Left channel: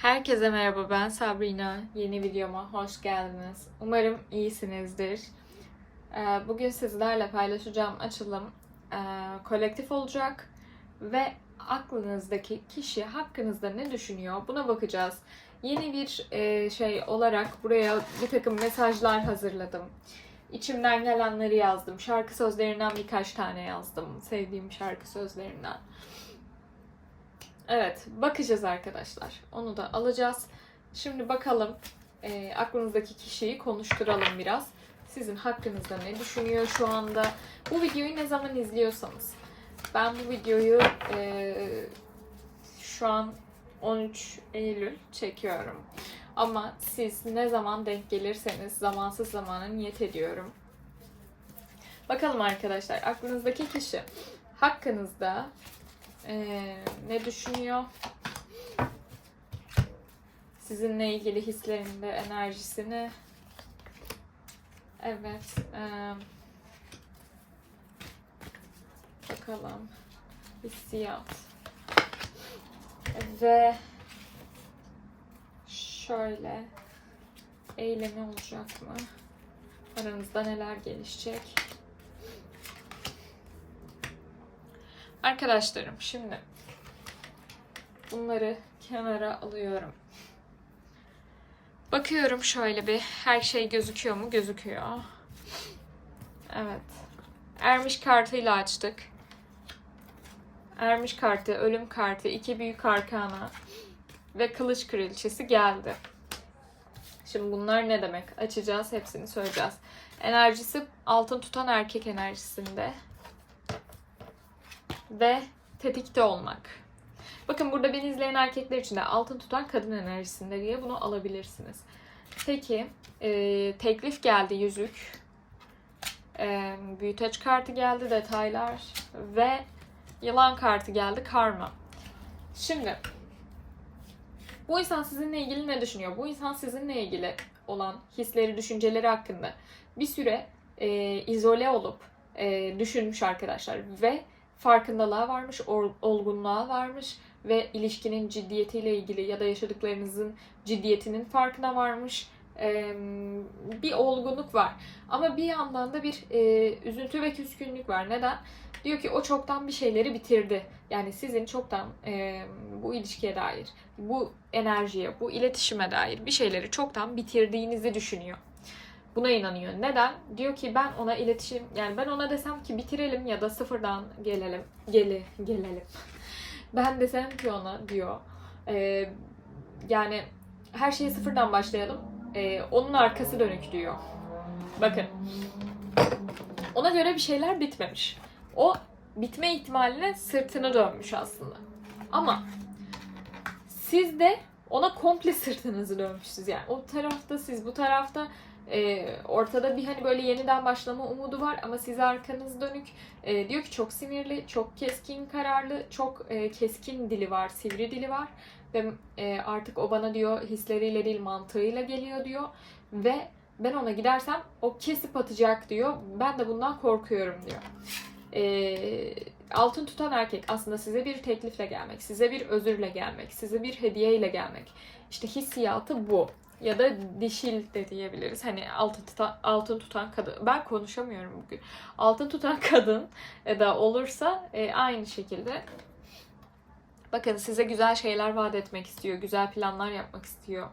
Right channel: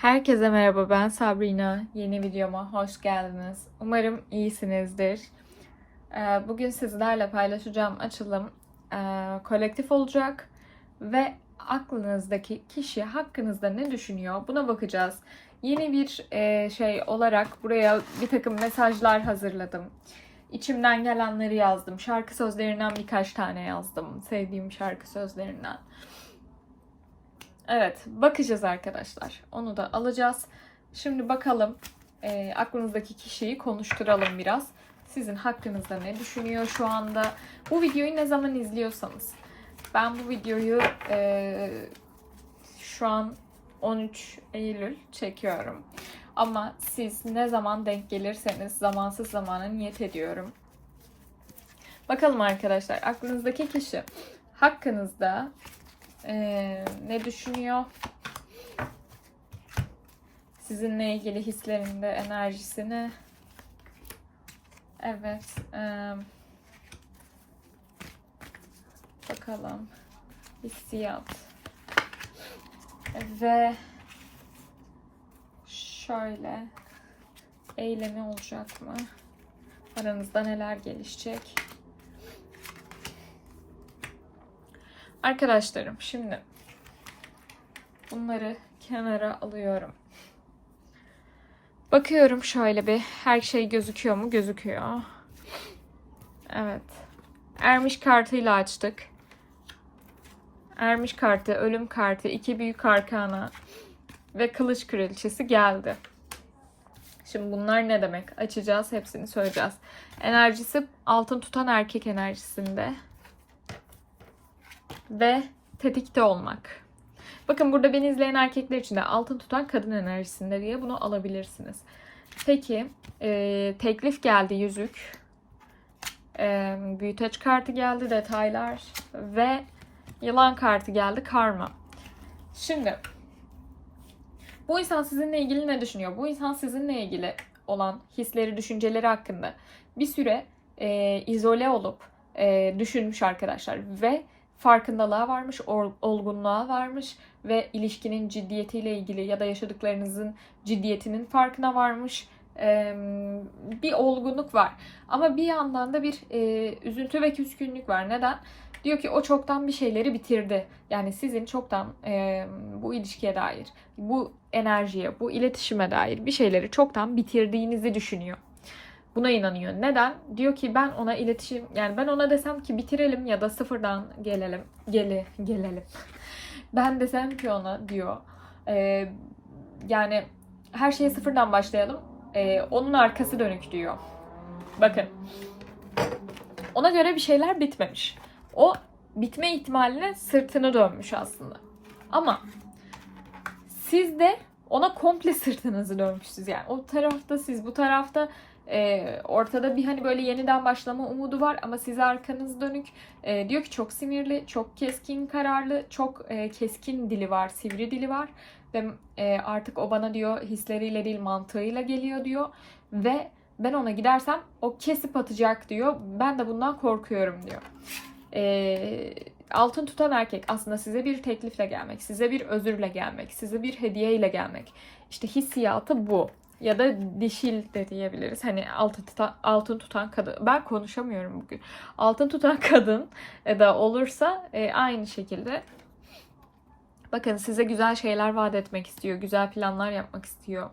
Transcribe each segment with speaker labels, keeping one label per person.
Speaker 1: Herkese merhaba ben Sabrina. Yeni videoma hoş geldiniz. Umarım iyisinizdir. Ee, Bugün sizlerle paylaşacağım açılım e, kolektif olacak ve aklınızdaki kişi hakkınızda ne düşünüyor buna bakacağız. Yeni bir e, şey olarak buraya bir takım mesajlar hazırladım. İçimden gelenleri yazdım. Şarkı sözlerinden birkaç tane yazdım. Sevdiğim şarkı sözlerinden. Evet, bakacağız arkadaşlar. Onu da alacağız. Şimdi bakalım e, aklınızdaki kişiyi konuşturalım biraz. Sizin hakkınızda ne düşünüyor şu anda? Bu videoyu ne zaman izliyorsanız. Ben bu videoyu e, şu an 13 Eylül çekiyorum. Ama siz ne zaman denk gelirseniz zamansız zamana niyet ediyorum. Bakalım arkadaşlar aklınızdaki kişi hakkınızda ee, ne düşünüyor? Sizinle ilgili hislerinde enerjisini. Evet. e, bakalım. Hissiyat. Ve şöyle eylemi olacak mı? Aranızda neler gelişecek? Arkadaşlarım şimdi bunları kenara alıyorum. Bakıyorum şöyle bir her şey gözüküyor mu? Gözüküyor. Evet. Ermiş kartıyla açtık. Ermiş kartı, ölüm kartı, iki büyük arkana ve kılıç kraliçesi geldi. Şimdi bunlar ne demek? Açacağız, hepsini söyleyeceğiz. Enerjisi altın tutan erkek enerjisinde ve tetikte olmak. Bakın burada beni izleyen erkekler için de altın tutan kadın enerjisinde diye bunu alabilirsiniz. Peki e, teklif geldi yüzük. E, büyüteç kartı geldi detaylar ve yılan kartı geldi karma. Şimdi bu insan sizinle ilgili ne düşünüyor? Bu insan sizinle ilgili olan hisleri, düşünceleri hakkında bir süre e, izole olup e, düşünmüş arkadaşlar ve farkındalığa varmış, ol- olgunluğa varmış ve ilişkinin ciddiyetiyle ilgili ya da yaşadıklarınızın ciddiyetinin farkına varmış. Bir olgunluk var. Ama bir yandan da bir e, üzüntü ve küskünlük var. Neden? Diyor ki o çoktan bir şeyleri bitirdi. Yani sizin çoktan e, bu ilişkiye dair, bu enerjiye, bu iletişime dair bir şeyleri çoktan bitirdiğinizi düşünüyor buna inanıyor. Neden? Diyor ki ben ona iletişim yani ben ona desem ki bitirelim ya da sıfırdan gelelim. Gele, gelelim. Ben desem ki ona diyor. e, yani her şeye sıfırdan başlayalım. E, onun arkası dönük diyor. Bakın. Ona göre bir şeyler bitmemiş. O bitme ihtimaline sırtını dönmüş aslında. Ama siz de ona komple sırtınızı dönmüşsünüz. Yani o tarafta siz bu tarafta e, ortada bir hani böyle yeniden başlama umudu var ama size arkanız dönük. E, diyor ki çok sinirli, çok keskin kararlı, çok e, keskin dili var, sivri dili var. Ve e, artık o bana diyor hisleriyle değil mantığıyla geliyor diyor. Ve ben ona gidersem o kesip atacak diyor. Ben de bundan korkuyorum diyor. E, altın tutan erkek aslında size bir teklifle gelmek, size bir özürle gelmek, size bir hediyeyle gelmek. İşte hissiyatı bu ya da dişil de diyebiliriz. Hani altın tutan, altın tutan kadın. Ben konuşamıyorum bugün. Altın tutan kadın da olursa e, aynı şekilde bakın size güzel şeyler vaat etmek istiyor. Güzel planlar yapmak istiyor.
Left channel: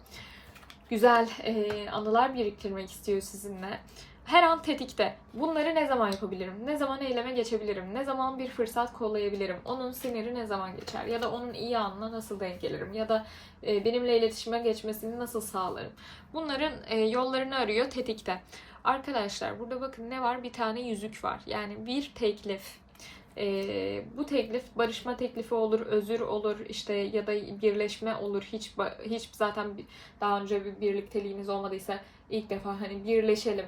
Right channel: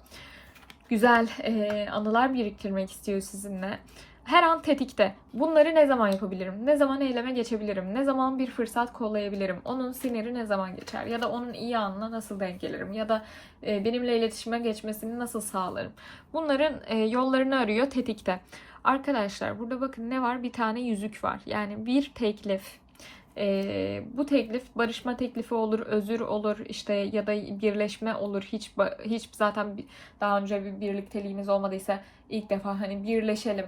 Speaker 1: Güzel e, anılar biriktirmek istiyor sizinle. Her an tetikte. Bunları ne zaman yapabilirim? Ne zaman eyleme geçebilirim? Ne zaman bir fırsat kollayabilirim? Onun siniri ne zaman geçer? Ya da onun iyi anına nasıl denk gelirim? Ya da e, benimle iletişime geçmesini nasıl sağlarım? Bunların e, yollarını arıyor tetikte. Arkadaşlar burada bakın ne var? Bir tane yüzük var. Yani bir teklif. E, bu teklif barışma teklifi olur, özür olur, işte ya da birleşme olur. Hiç hiç zaten daha önce bir birlikteliğiniz olmadıysa ilk defa hani birleşelim.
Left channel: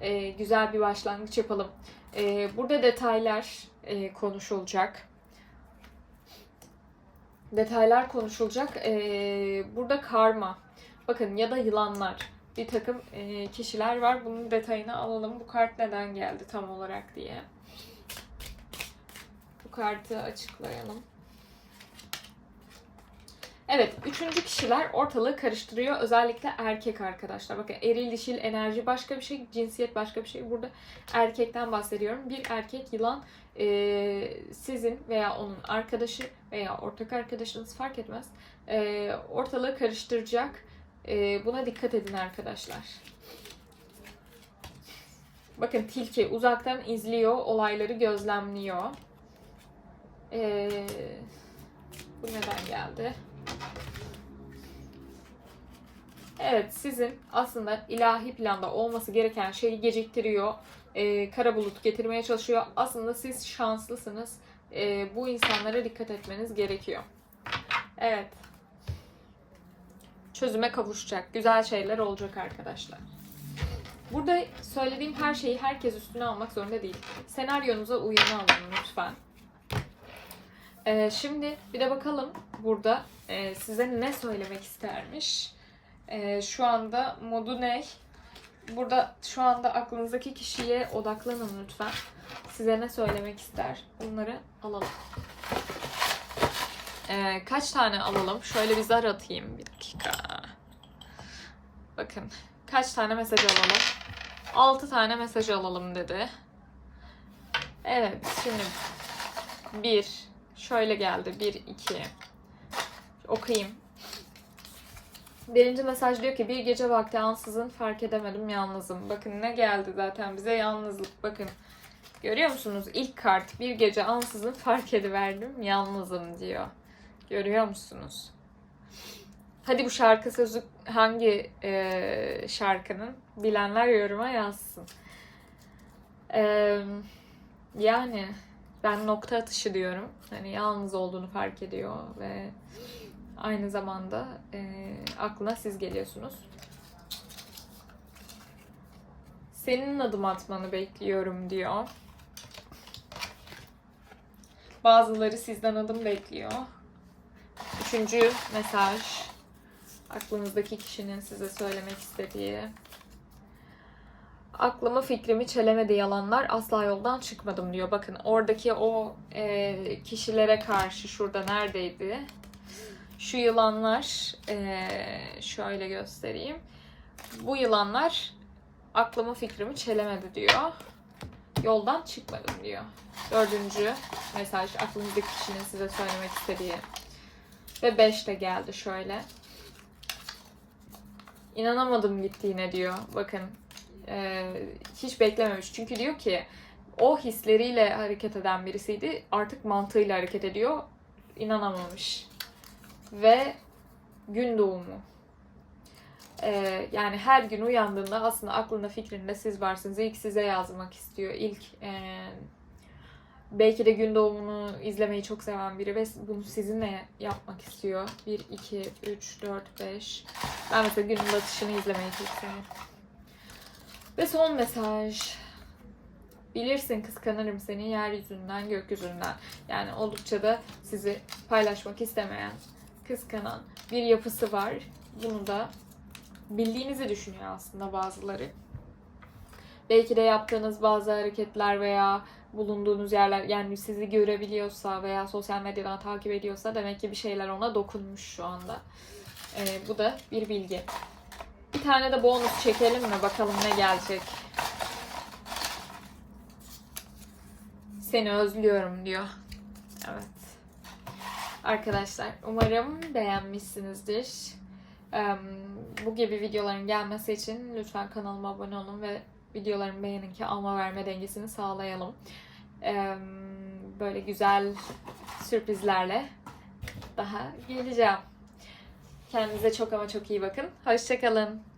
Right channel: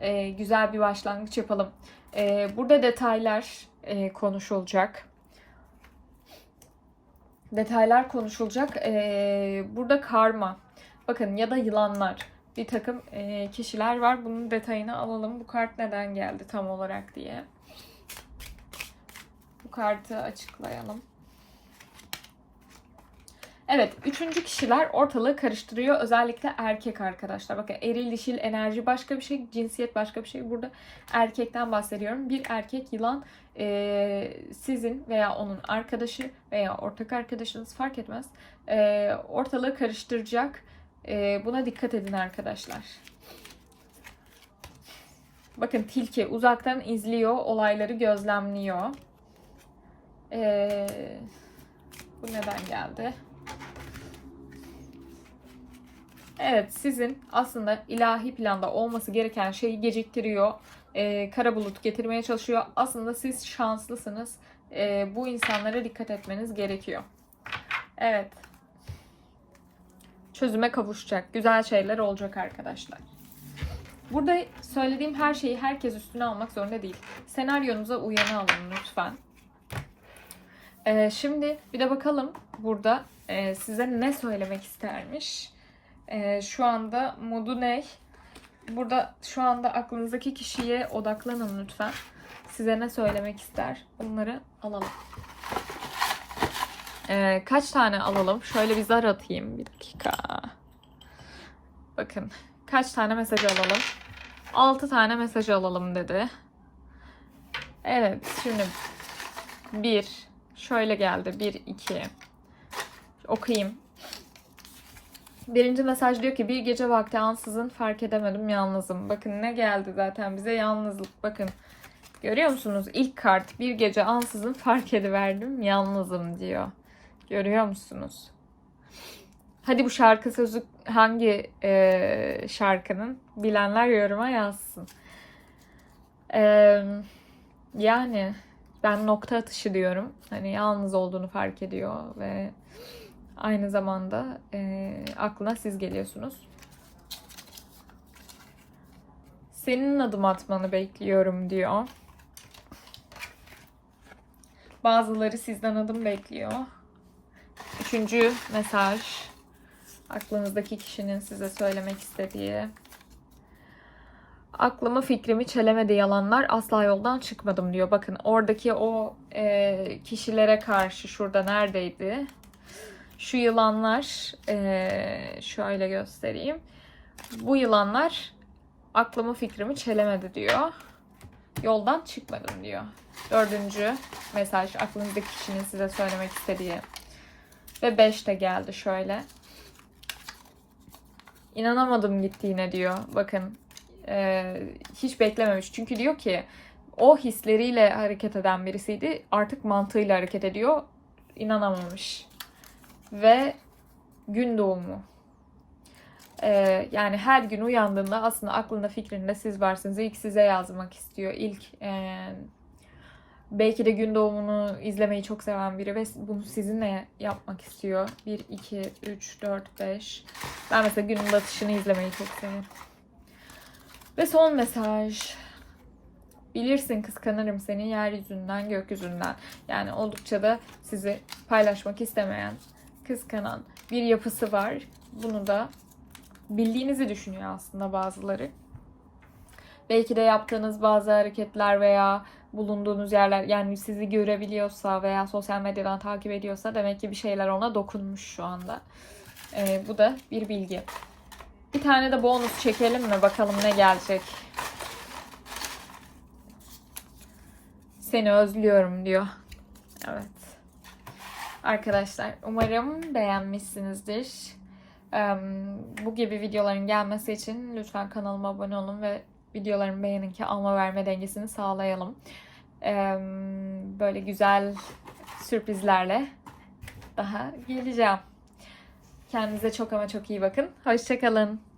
Speaker 1: E, güzel bir başlangıç yapalım. E, burada detaylar e, konuşulacak. Detaylar konuşulacak. E, burada karma. Bakın ya da yılanlar. Bir takım e, kişiler var. Bunun detayını alalım. Bu kart neden geldi tam olarak diye. Bu kartı açıklayalım. Evet, üçüncü kişiler ortalığı karıştırıyor. Özellikle erkek arkadaşlar. Bakın eril dişil enerji başka bir şey, cinsiyet başka bir şey. Burada erkekten bahsediyorum. Bir erkek yılan e, sizin veya onun arkadaşı veya ortak arkadaşınız fark etmez. E, ortalığı karıştıracak. E, buna dikkat edin arkadaşlar. Bakın tilki uzaktan izliyor, olayları gözlemliyor. E, bu neden geldi? Evet, sizin aslında ilahi planda olması gereken şeyi geciktiriyor. Ee, kara bulut getirmeye çalışıyor. Aslında siz şanslısınız. Ee, bu insanlara dikkat etmeniz gerekiyor. Evet. Çözüme kavuşacak. Güzel şeyler olacak arkadaşlar. Burada söylediğim her şeyi herkes üstüne almak zorunda değil. Senaryonuza uyanı alın lütfen. Ee, şimdi bir de bakalım burada e, size ne söylemek istermiş. Ee, şu anda modu ne? Burada şu anda aklınızdaki kişiye odaklanın lütfen. Size ne söylemek ister? Bunları alalım. Ee, kaç tane alalım? Şöyle bir zar atayım. Bir dakika. Bakın. Kaç tane mesaj alalım? 6 tane mesaj alalım dedi. Evet. Şimdi bir. Şöyle geldi. Bir, iki. Okuyayım. Birinci mesaj diyor ki bir gece vakti ansızın fark edemedim yalnızım. Bakın ne geldi zaten bize yalnızlık. Bakın görüyor musunuz? İlk kart bir gece ansızın fark ediverdim yalnızım diyor. Görüyor musunuz? Hadi bu şarkı sözü hangi e, şarkının? Bilenler yoruma yazsın. E, yani ben nokta atışı diyorum. Hani yalnız olduğunu fark ediyor ve aynı zamanda e, aklına siz geliyorsunuz. Senin adım atmanı bekliyorum diyor. Bazıları sizden adım bekliyor. Üçüncü mesaj. Aklınızdaki kişinin size söylemek istediği. Aklımı fikrimi çelemedi yalanlar asla yoldan çıkmadım diyor. Bakın oradaki o e, kişilere karşı şurada neredeydi? Şu yılanlar e, şöyle göstereyim. Bu yılanlar aklımı fikrimi çelemedi diyor. Yoldan çıkmadım diyor. Dördüncü mesaj aklınızdaki kişinin size söylemek istediği. Ve beş de geldi şöyle. İnanamadım gittiğine diyor. Bakın e, hiç beklememiş. Çünkü diyor ki o hisleriyle hareket eden birisiydi. Artık mantığıyla hareket ediyor. İnanamamış. Ve gün doğumu. E, yani her gün uyandığında aslında aklında fikrinde siz varsınız. İlk size yazmak istiyor. İlk e, belki de gün doğumunu izlemeyi çok seven biri ve bunu sizinle yapmak istiyor. 1, 2, 3, 4, 5. Ben mesela günün batışını izlemeyi çok severim. Ve son mesaj. Bilirsin kıskanırım seni yeryüzünden, gökyüzünden. Yani oldukça da sizi paylaşmak istemeyen, kıskanan bir yapısı var. Bunu da bildiğinizi düşünüyor aslında bazıları. Belki de yaptığınız bazı hareketler veya bulunduğunuz yerler yani sizi görebiliyorsa veya sosyal medyadan takip ediyorsa demek ki bir şeyler ona dokunmuş şu anda. Ee, bu da bir bilgi. Bir tane de bonus çekelim mi? Bakalım ne gelecek. Seni özlüyorum diyor. Evet. Arkadaşlar umarım beğenmişsinizdir. Bu gibi videoların gelmesi için lütfen kanalıma abone olun ve videolarımı beğenin ki alma verme dengesini sağlayalım. Böyle güzel sürprizlerle daha geleceğim. Kendinize çok ama çok iyi bakın. Hoşçakalın.